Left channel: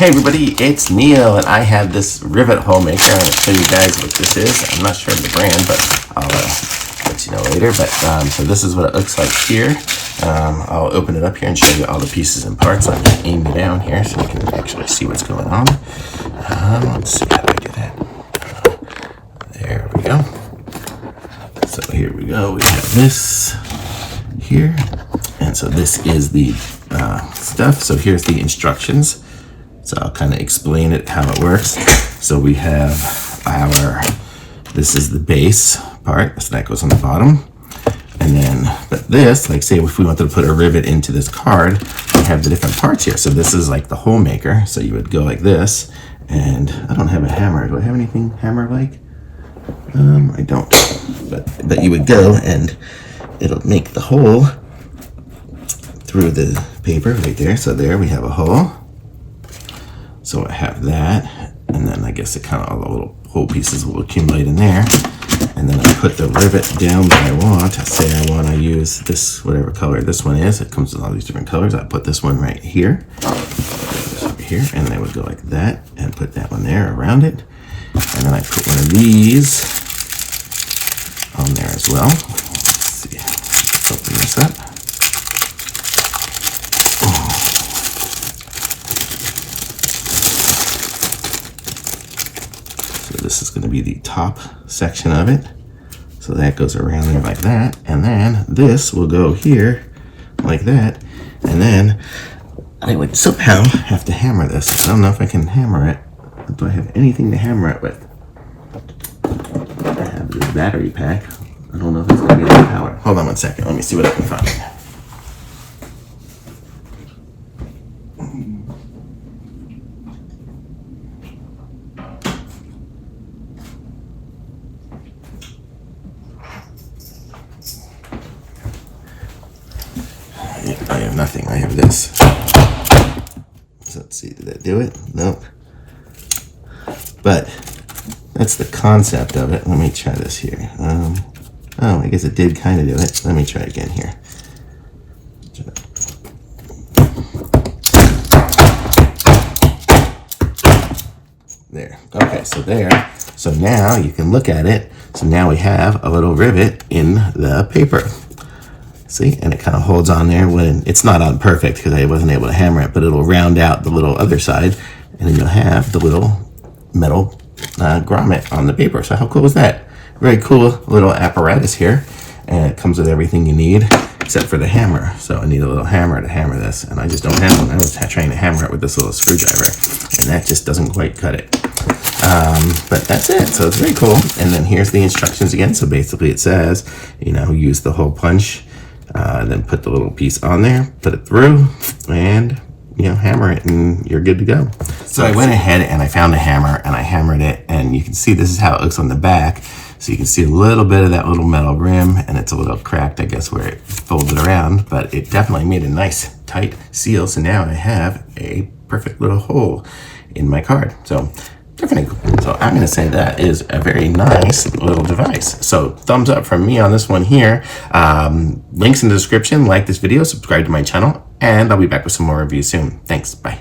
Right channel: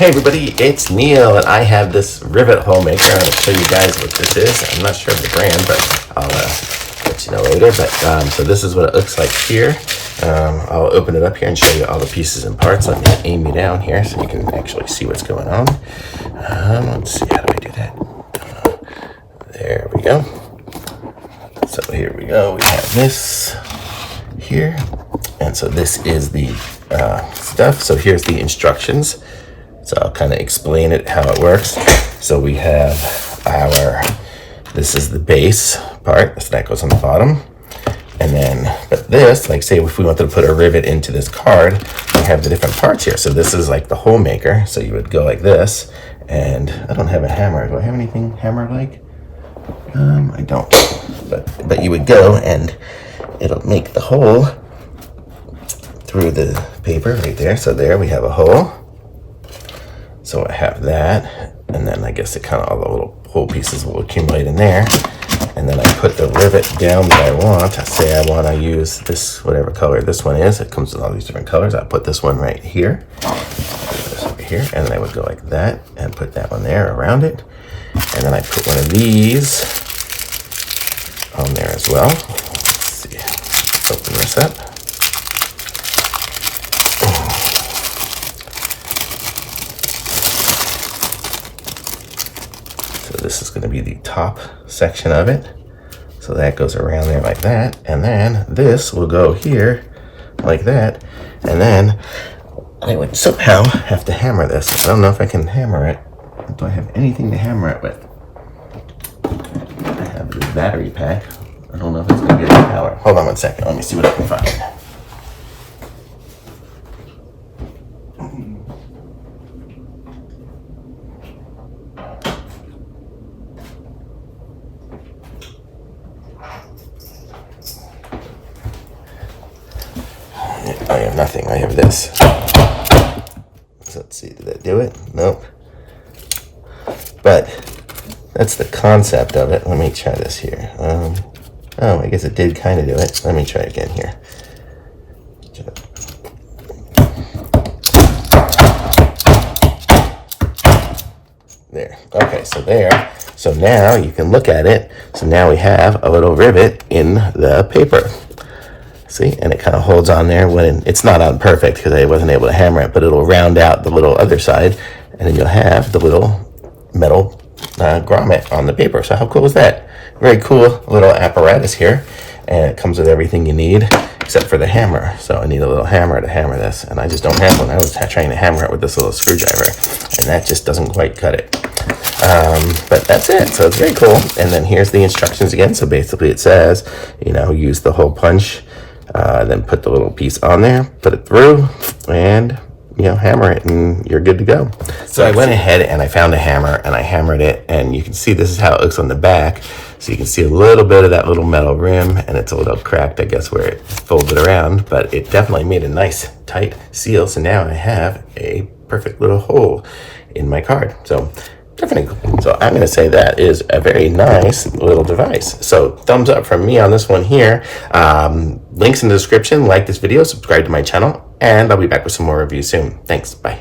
Hey everybody, it's Neil and I have this rivet hole maker. I'm going to show you guys what this is. I'm not sure of the brand, but I'll let you know later. But so this is what it looks like here. I'll open it up here and show you all the pieces and parts. Let me aim you down here so you can actually see what's going on. Let's see, how do I do that? There we go. So here we go. We have this here. And so this is the stuff. So here's the instructions. So I'll kind of explain it, how it works. So we have this is the base part, so that goes on the bottom. And then, but this, like say if we wanted to put a rivet into this card, we have the different parts here. So this is like the hole maker. So you would go like this, and I don't have a hammer. Do I have anything hammer-like? I don't, but you would go and it'll make the hole through the paper right there. So there we have a hole. So I have that, and then I guess it kind of all the little hole pieces will accumulate in there. And then I put the rivet down that I want. I say I want to use this, whatever color this one is. It comes with all these different colors. I put this one right here. Over here, and then I would go like that and put that one there around it. And then I put one of these on there as well. Let's see. Open this up. This is going to be the top section of it. So that goes around there like that. And then this will go here like that. And then I would somehow have to hammer this. I don't know if I can hammer it. Do I have anything to hammer it with? I have this battery pack. I don't know if it's going to get any power. Hold on one second. Let me see what I can find. I have nothing. I have this. So let's see. Did that do it? Nope. But that's the concept of it. Let me try this here. Oh, I guess it did kind of do it. Let me try again here. There. Okay, so there. So now you can look at it. So now we have a little rivet in the paper. See, and it kind of holds on there when it's not on perfect because I wasn't able to hammer it, but it'll round out the little other side, and then you'll have the little metal grommet on the paper. So how cool is that? Very cool little apparatus here, and it comes with everything you need except for the hammer. So I need a little hammer to hammer this, and I just don't have one. I was trying to hammer it with this little screwdriver, and that just doesn't quite cut it. But that's it. So it's very cool. And then here's the instructions again. So basically it says, you know, use the hole punch. Then put the little piece on there, put it through, and you know, hammer it, and you're good to go. So I went ahead and I found a hammer and I hammered it, and you can see this is how it looks on the back. So you can see a little bit of that little metal rim, and it's a little cracked, I guess, where it folded around, but it definitely made a nice tight seal. So now I have a perfect little hole in my card. So definitely cool. So I'm going to say that is a very nice little device. So thumbs up from me on this one here. Links in the description. Like this video, subscribe to my channel, and I'll be back with some more reviews soon. Thanks. Bye.